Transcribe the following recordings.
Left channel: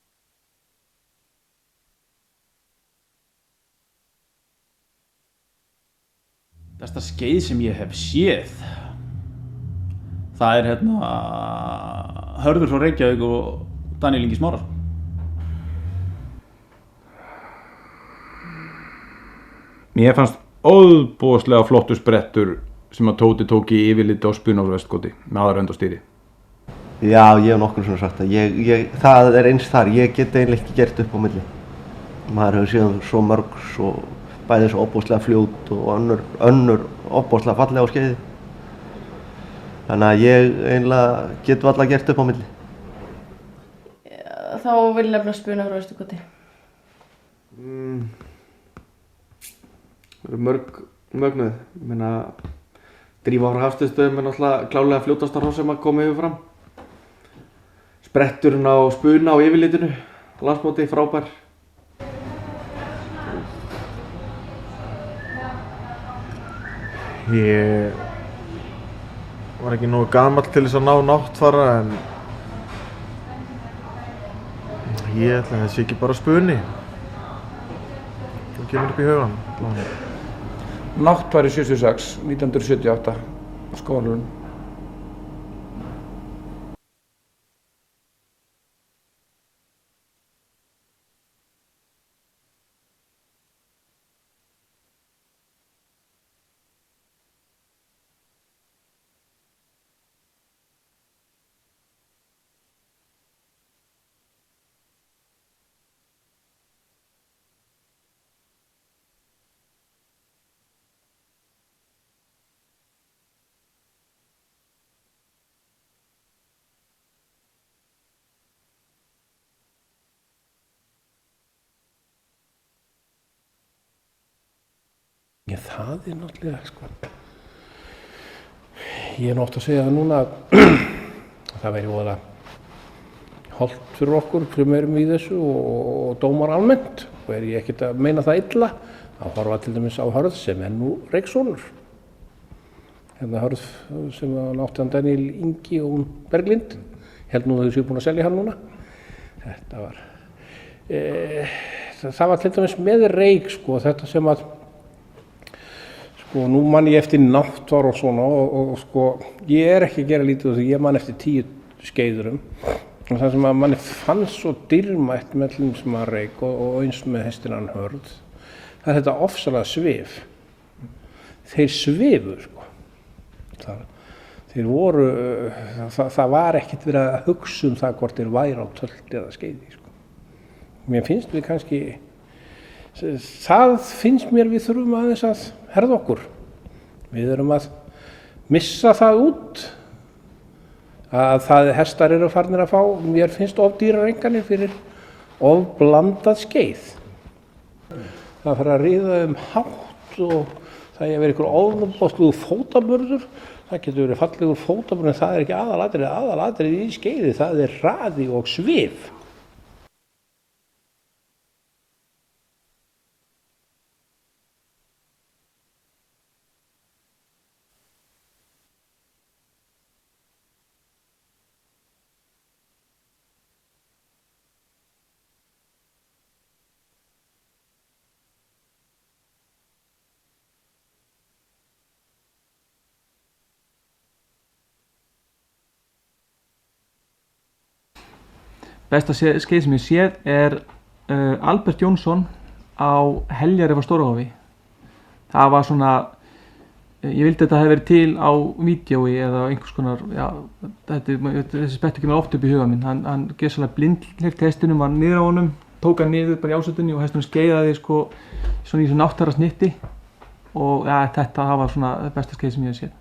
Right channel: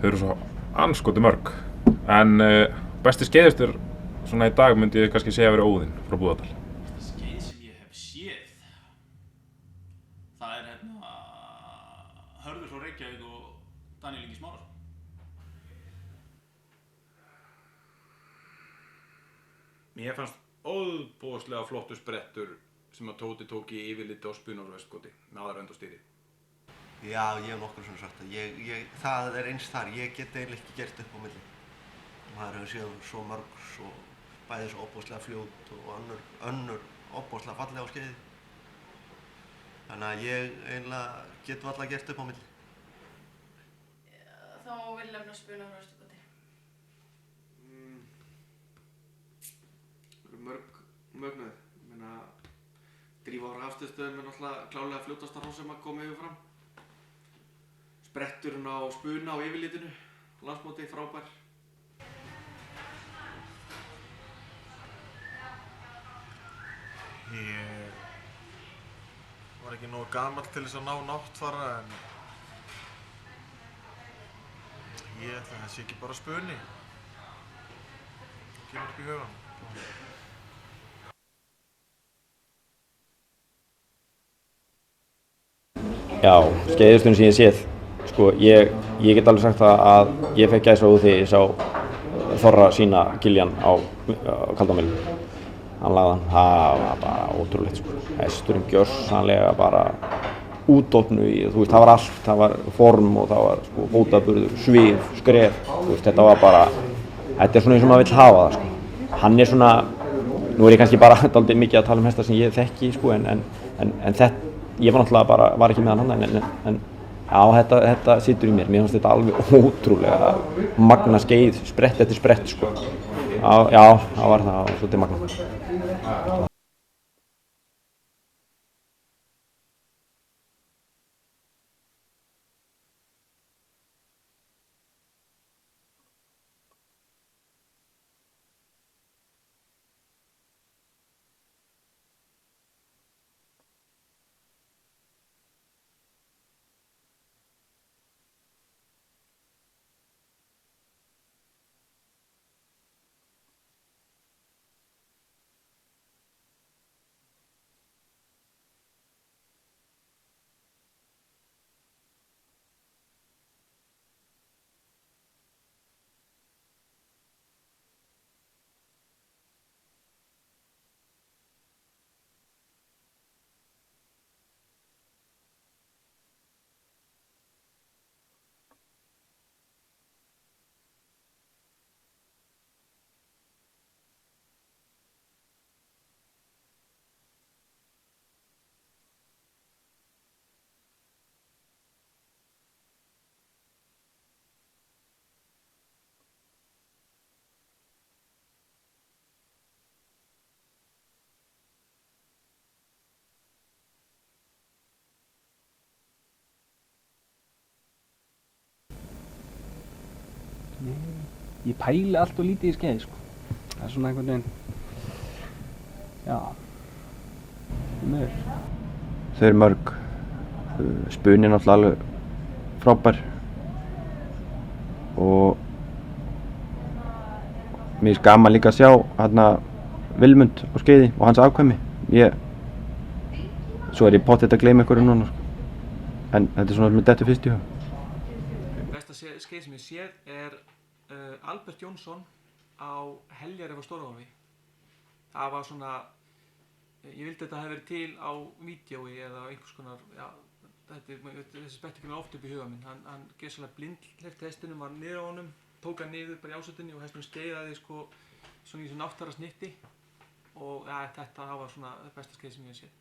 Þau eru svo anskoti mörg. En besti skeiðistur svona í dag myndi ég kannski segja að vera Óðinn frá Búðardal. Besta skeið sem ég hef séð, það Hörður frá Reykjavík og Daníel Ingi Smárason. Mér fannst óðbúðslega flottur sprettur sem að Tóti tók í yfirliti á Spunársvestkoti með aðra önd á stýri. Já, ég hef nokkur svona sagt það. Það eins þar, ég get eiginlega ekki gert upp á milli. Maður hefur séð svo mörg, bæði svo ofboðslega fljót og önnur ofboðslega fallega á skeiði. Þannig að ég eiginlega get varla gert upp á milli. Þá vil ég nefna Spunársvestkoti. Það eru mörg mögnuð. Ég meina, Drífa frá Hafsteinstöðum náttúrulega klárlega fljótasta hross sem að koma yfir fram. Spretturinn á Spuna á yfirlitinu, landsmóti, frábær. Ég var ekki nógu gamall til þess að ná náttfara en ég ætla að það sé ekki bara Spuni. Það kemur upp í hugan. Náttfari 76, 1978, skólanum. Já, skeiðisturinn sem ég séð. Sko, ég get alveg sagt það að ég fekk gæsahúð þegar ég sá Þorra sína Kiljan á Kaldamýlu. Hann lagði hann, það var bara ótrúlegt sko. Hesturinn gjörsamlega bara útdofnu í, þú veist, það var allt, það var form og það var sko fótaburður, svif, skref, þú veist, þetta var bara, þetta svona eins og maður vill hafa það sko. Hann svona, nú ég kannski bara dálítið mikið að tala hesta sem ég þekki sko, en þetta, ég var náttúrulega bara, var ekki með hann en já, þetta situr í mér. Mér finnst þetta alveg ótrúlega magna skeið, sprett eftir sprett sko. Já, það var svolítið magna. Sko. Ég oft að segja það núna að það væri voðalega hollt fyrir okkur sem erum í þessu og dómar almennt. Og ég ekkert að meina það illa að horfa til dæmis á Hörð sem nú Reykssonur. Hérna Hörð sem átti hann Daníel Ingi og Berglind. Held nú að þau séu búin að selja hann núna. Þetta var, það var til dæmis með Reyk sko, þetta sem að, sko nú man ég eftir náttvar og svona og sko, ég ekki að gera lítið úr því, ég man eftir 10 skeiðurum. Og það sem að manni fannst svo dýrmætt með allum sem að Reyk og eins með hestinann Hörð, það þetta ofsalega svif. Þeir svifu sko. Þeir voru, það var ekkert verið að hugsa það hvort þeir væri á tölti eða skeiði. Sko. Mér finnst við kannski, það finnst mér við þurfum aðeins að herða okkur. Við erum að missa það út, að það hestar eru farnir að fá, mér finnst ofdýrar enganir fyrir ofblandað skeið. Það fyrir að ríða hátt og það er verið einhver ofbóðslugur fótaburður. Það getur verið fallegur fótaburður en það er ekki aðalatriðið í skeiði, það er hraði og svif. Ég pæli allt og lítið í skeiði sko. Það er svona einhvern veginn, já, meður. Þau eru mörg, Spuni er náttúrulega alveg frábær og mér finnst gaman líka að sjá hérna Vilmund á skeiði og hans afkvæmi. Svo er ég pottþétt að gleyma einhverju núna sko. En þetta er svona sem ég dettur fyrst í hug. Besta skeið sem ég séð er Albert Jónsson á Heljarif á Stórahofi. Það var svona, ég vildi að þetta hefði verið til á vídeói eða einhvers konar, já, þessi sprettur kemur oft upp í huga minn. Hann gerðslega blindhleypt hestinum, var niður á honum, tók hann niður bara í ásettunni og hestunum skeiðaði sko svona í þessu náttara snitti og ja, þetta var svona það besta skeið sem ég hef séð.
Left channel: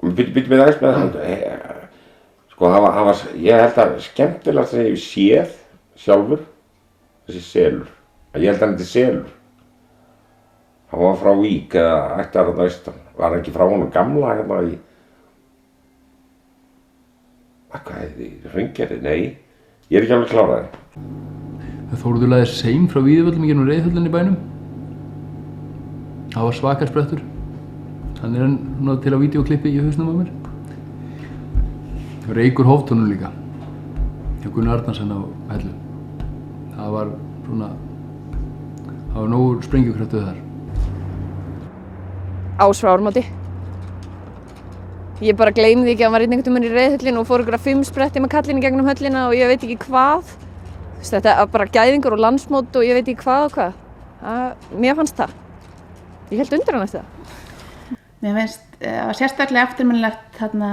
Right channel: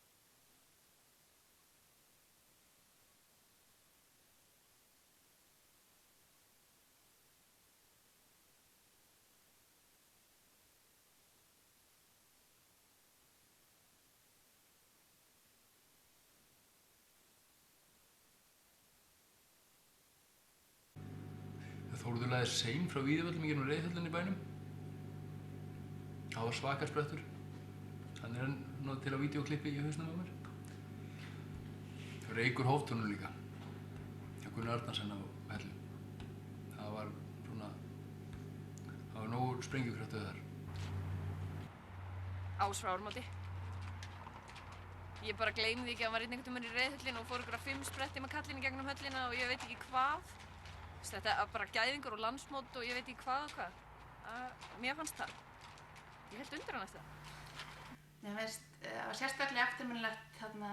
Býtum við aðeins með það, sko ég held að skemmtilegast sem ég hef séð sjálfur, þessi selur, ég held að hann heiti Selur. Hann var frá Vík eða ættar þarna austan, var ekki frá honum gamla hérna í, hvað heitir þið, Hraungerði, nei, ég er ekki alveg kláraði. Þórður lagði seim frá Víðivöllum í gegnum Reiðhöllinni í bænum. Það var svakar sprettur. Hann er hann til á vídeoklippi í hausnum á mér. Reykur Hóftónum líka, hjá Gunnar Arnarsen á Hellu. það var svona, það var nógur sprengjukraftur þar. Ás frá Ármóti. Ég bara gleymi því ekki að hann var einhvern veginn í reiðhöllinu og fór ykkur 5 spretti með kallinu gegnum höllina og ég veit ekki hvað. Þetta var bara gæðingur og landsmót og ég veit ekki hvað og hvað. Mér fannst það. Ég held undir hann eftir það. Mér finnst það var sérstaklega eftirminnilegt þarna,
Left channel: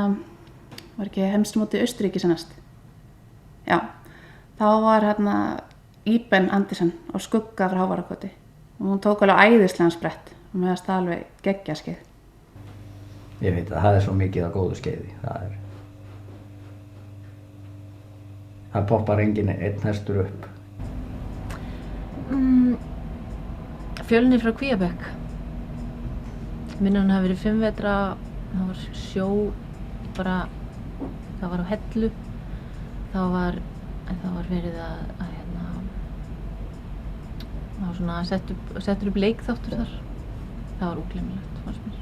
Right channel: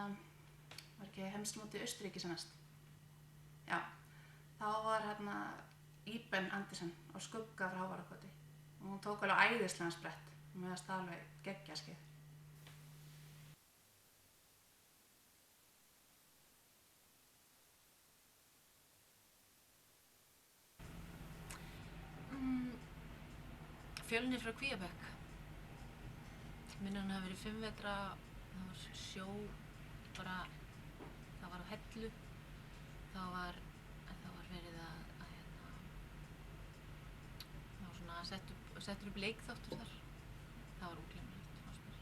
var ekki heimsmótið Austurríki sannast. Já, þá var Íben Andersen á skugga frá Hávararkoti og hún tók alveg æðislegan sprett og mér finnst það alveg geggjað skeið. Ég veit að það er svo mikið á góðu skeiði. Það poppar enginn einn hestur upp. Fjölnir frá Kvíabekk. Minnir hann hafi verið 5 vetra, það var sjó, bara, það var á hellu. Það var verið að það var svona settur upp leikþáttur þar. Það var ógleymanlegt, fannst mér.